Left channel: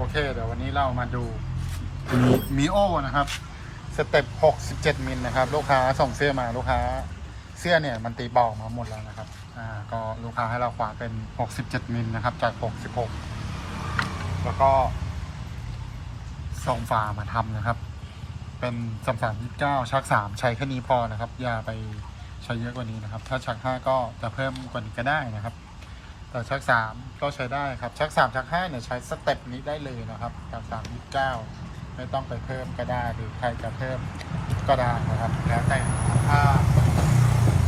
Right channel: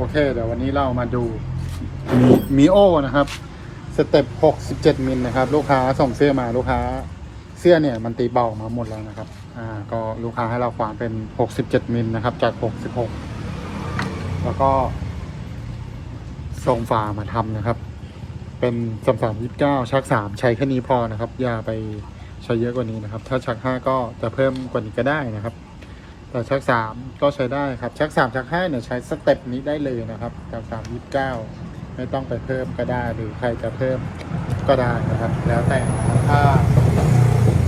โอเคเดี๋ยววันนี้เรามาดูมีโอนะครับ สเต็ป 67 มิลนะครับ ลูกค้าส่งเสื้อมาลูกค้า เสื้อเนี่ยมันตีเบามาหมดแล้วนะครับ อ่า ก็ลูกค้าให้เราความเป็น 67 มิลนะครับ จาก 66 แล้วก็ส่งฝามาทำนะครับ เป็นสามสามยี่สิบเก้าชักสามใช้แค่นี้พอนะครับ อย่าไปใช้เยอะกว่านี้นะครับ ถ้าชักห้าก็จะเพิ่มกว่านี้ก็ได้นะครับ แต่ชักสามก็ใช้ได้ครับชักสามชักห้าเนี่ยใช้สเต็ปนี้ได้เลยนะครับจากสามยี่สิบเก้าไม่ต้องไปเพิ่มก็ได้หรือใครจะเพิ่มก็ได้นะครับแล้วแต่ถ้า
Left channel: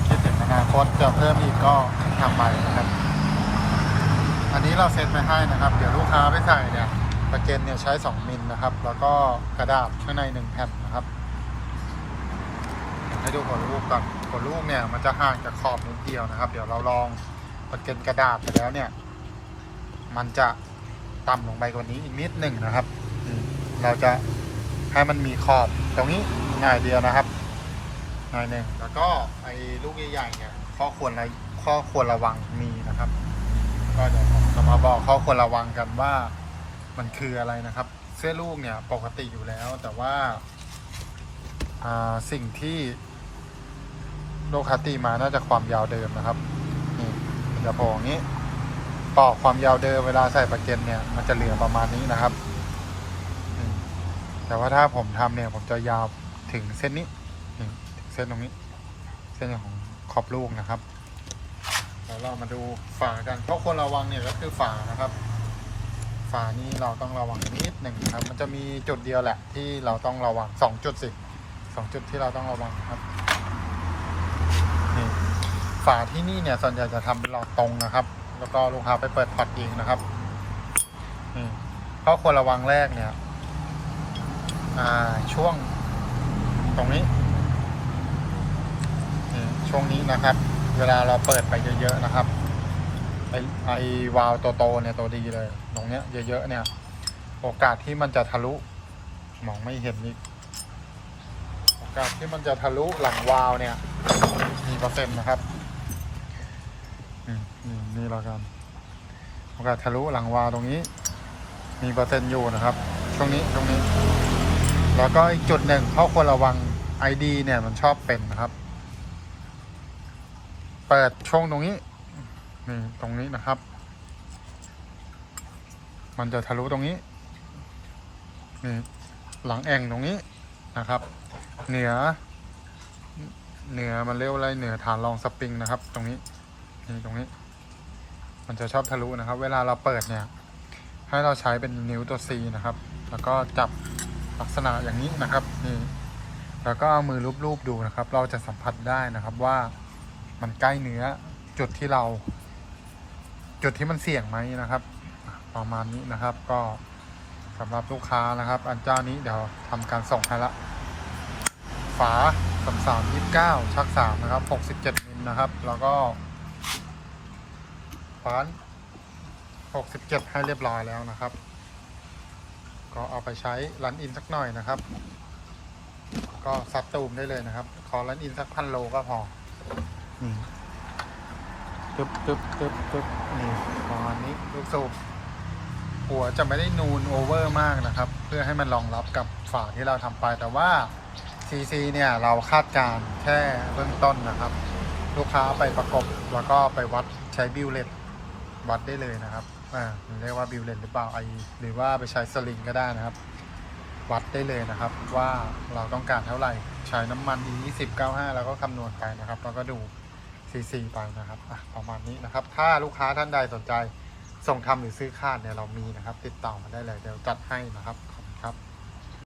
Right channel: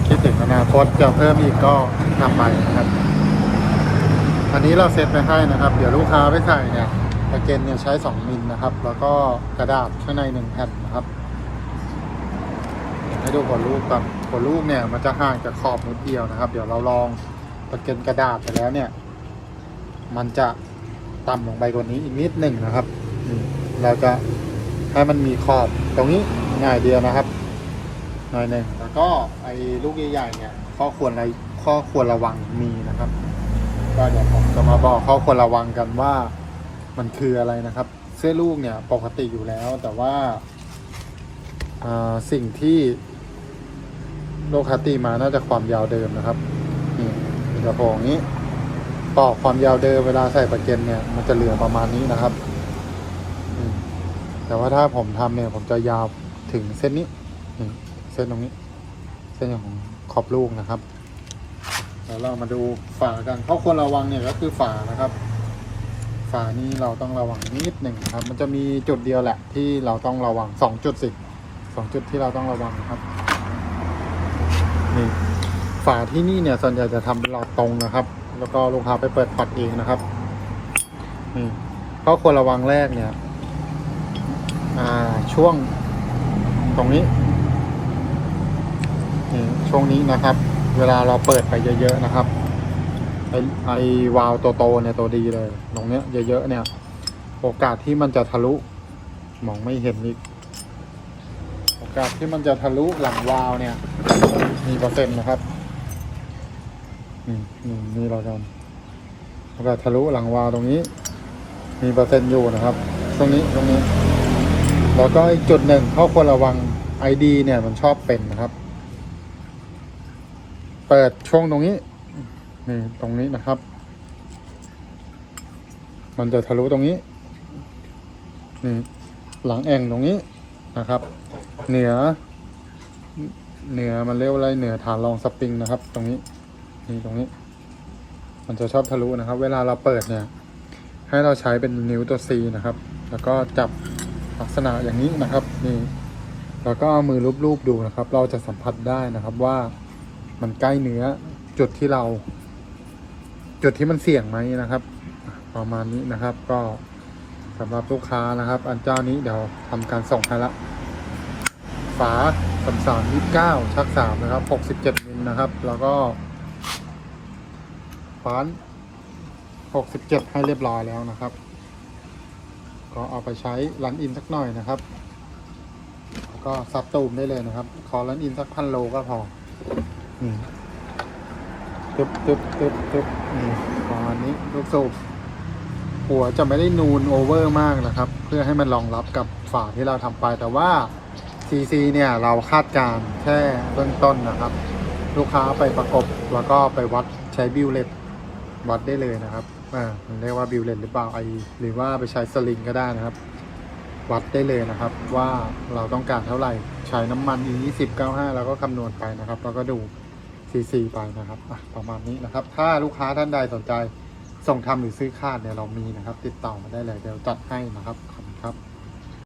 คิดถึงอนาคตจะเพิ่มอีกก็ทำไปนะครับอันนี้เราเซตไว้ให้นะครับ เดี๋ยวลูกค้าไปถ่ายเนี่ยประเกนเนี่ยใช้2มิลนะครับ แล้วก็กระดาษข้างใน1แผ่นนะครับให้ดูหัวรูปก่อนหัวรูปเนี่ยมันจะห่างจากขอบนิดเดียวนะครับ เดี๋ยวเราลอง ประเกนกระดาษไปแล้วเนี่ย มันจะต่ำลงไปกว่านี้อีกนิดหนึ่งนะครับเราจะให้มันมีขอบตรงนี้หน่อยเดียวนะครับหน่อยหนึ่งแล้วก็ไอ้ลูกใหญ่ๆเนี่ยข้อควรอะไรข้อควรระวังมีนะครับ ก็เดี๋ยวผมจะมาบอกข้อควรระวังกันว่ามันคืออะไรนะครับ เสื้อลูกเนี่ยปกติอยู่แล้ว แต่ว่าอ่าสิ่งที่โลคาตีมาน่าจะความยาวเดิมนะครับ นี่กระโปรงนี้ต่อความยาวเดิมเวลาใส่ประเก็นเนี่ย มันจะเหลือประมาณนี้นะครับแต่ว่าถ้าผมทำเนี่ย ผมจะยาวถึงเส้นนี้นี่เส้นตรงนี้ เส้นของขอบลูกนะครับเดี๋ยวเรามาดูฝากันเพราะควรระวังเนี่ยก็คือฝานะครับ ฝานี่เราต้องระวังนิดหนึ่งนะครับ มันจะมีจุดเดียวแหละที่เราต้องระวังสองจุดสิสองจุดที่เราต้องระวังนะครับ ฝาที่นี่เนี่ยส่วนใหญ่จะทำเป็นหลอดตรงนะครับ แล้วก็ลูกค้าไปเปิดปัดเองนะครับนี่ข้อควรระวังแรกเนี่ยอ่าช่วงตรงนี้ช่วงนี้นะครับ เวลาเราเปิดไปเยอะๆนะครับไอไอวาล์วตัวโตเนี่ยตัวดีเลยตรงเนี้ยเยอะๆเนี่ย โอกาสที่มันจะทะลุมองไม่เห็นอีกโอกาสที่มันจะทะลุหลังวาล์วเนี่ยมีเปอร์เซ็นต์นะครับ นี่นี่เรากันโอกาสทะลุหลังวาตรงนี้ มีเปอร์เซ็นต์อยู่นะครับช่วงนี้ตรงนี้ แล้วก็อีกจุดหนึ่งเขาควรระวัง ID เนี่ยมันชอบเป็นนะครับ เปิดช่วงตรงนี้นี่ตรงนี้นะครับ มันจะทะลุตรงนี้นี่หลังแอ่งตรงนี้นะครับ เหนือ เหนือมันเรียกว่าอะไรเหนือฐานรองสปริงนะครับ ตรงนี้ นี่ตรงนี้ มันจะชอบทะลุนะครับ เวลาเราเปิดเนี่ย ให้เราใช้เป็นนิ้วตัว C นะครับ แล้วก็จับลักษณะอย่างนี้นะครับ นี่ แล้วก็เอามือลูบๆดูนะครับ เราจะสัมผัสได้นะครับว่ามันใกล้เนื้อจุดที่เรา จุดที่มันเสี่ยงไหมนะครับ ประมาณนี้นะครับ ก็สำหรับลูกค้านะครับ อันเจ้านี้เดี๋ยวทำการส่งให้ละฝาสามสามยี่เก้าชักสามนะครับหกสิบเจ็ดมิลนะครับ แล้วก็ ฟานหกสิบเจ็ดให้เรียบร้อยแล้วนะครับ ก็เอาไปใช้รันอินสักหน่อยนะครับ ก็ซับตูมได้เลยนะครับ ขอรันอินสักพันโลก็พอนี่ตึ๊บตึ๊บตึ๊บตึ๊บนี่ประมาณนี้ลูกสูบหัวจะไม่ได้นูนโอเวอร์มากนะครับ เพื่อให้มันรองรับกับฝาที่เราทำไปแต่ว่า CC เนี่ยเราคาดการแค่เบื้องต้นนะครับ ลูกค้าไปประกบแล้วก็ไปวัดใช้บิวเล็ต วัดได้เลยนะครับอ่ามันเรียกว่าบิวเลตหรือเปล่าไอหรือว่าไปใช้สลิงก็ได้นะครับ วัดได้เลยนะครับ ว่าเราต้องการเท่าไหร่ ใช้น้ำมัน E 2 0 95แล้วก็คำนวณไปนะครับ แล้วก็ดู CC ไปนะครับอะประมาณนี้นะครับ ถ้าลูกค้าท่านใดสนใจส่งทำหรือซื้อคาดเนี่ยเรามีนะครับ ติดต่อมาได้เลยเดี๋ยวจัดให้นะครับขอบคุณครับ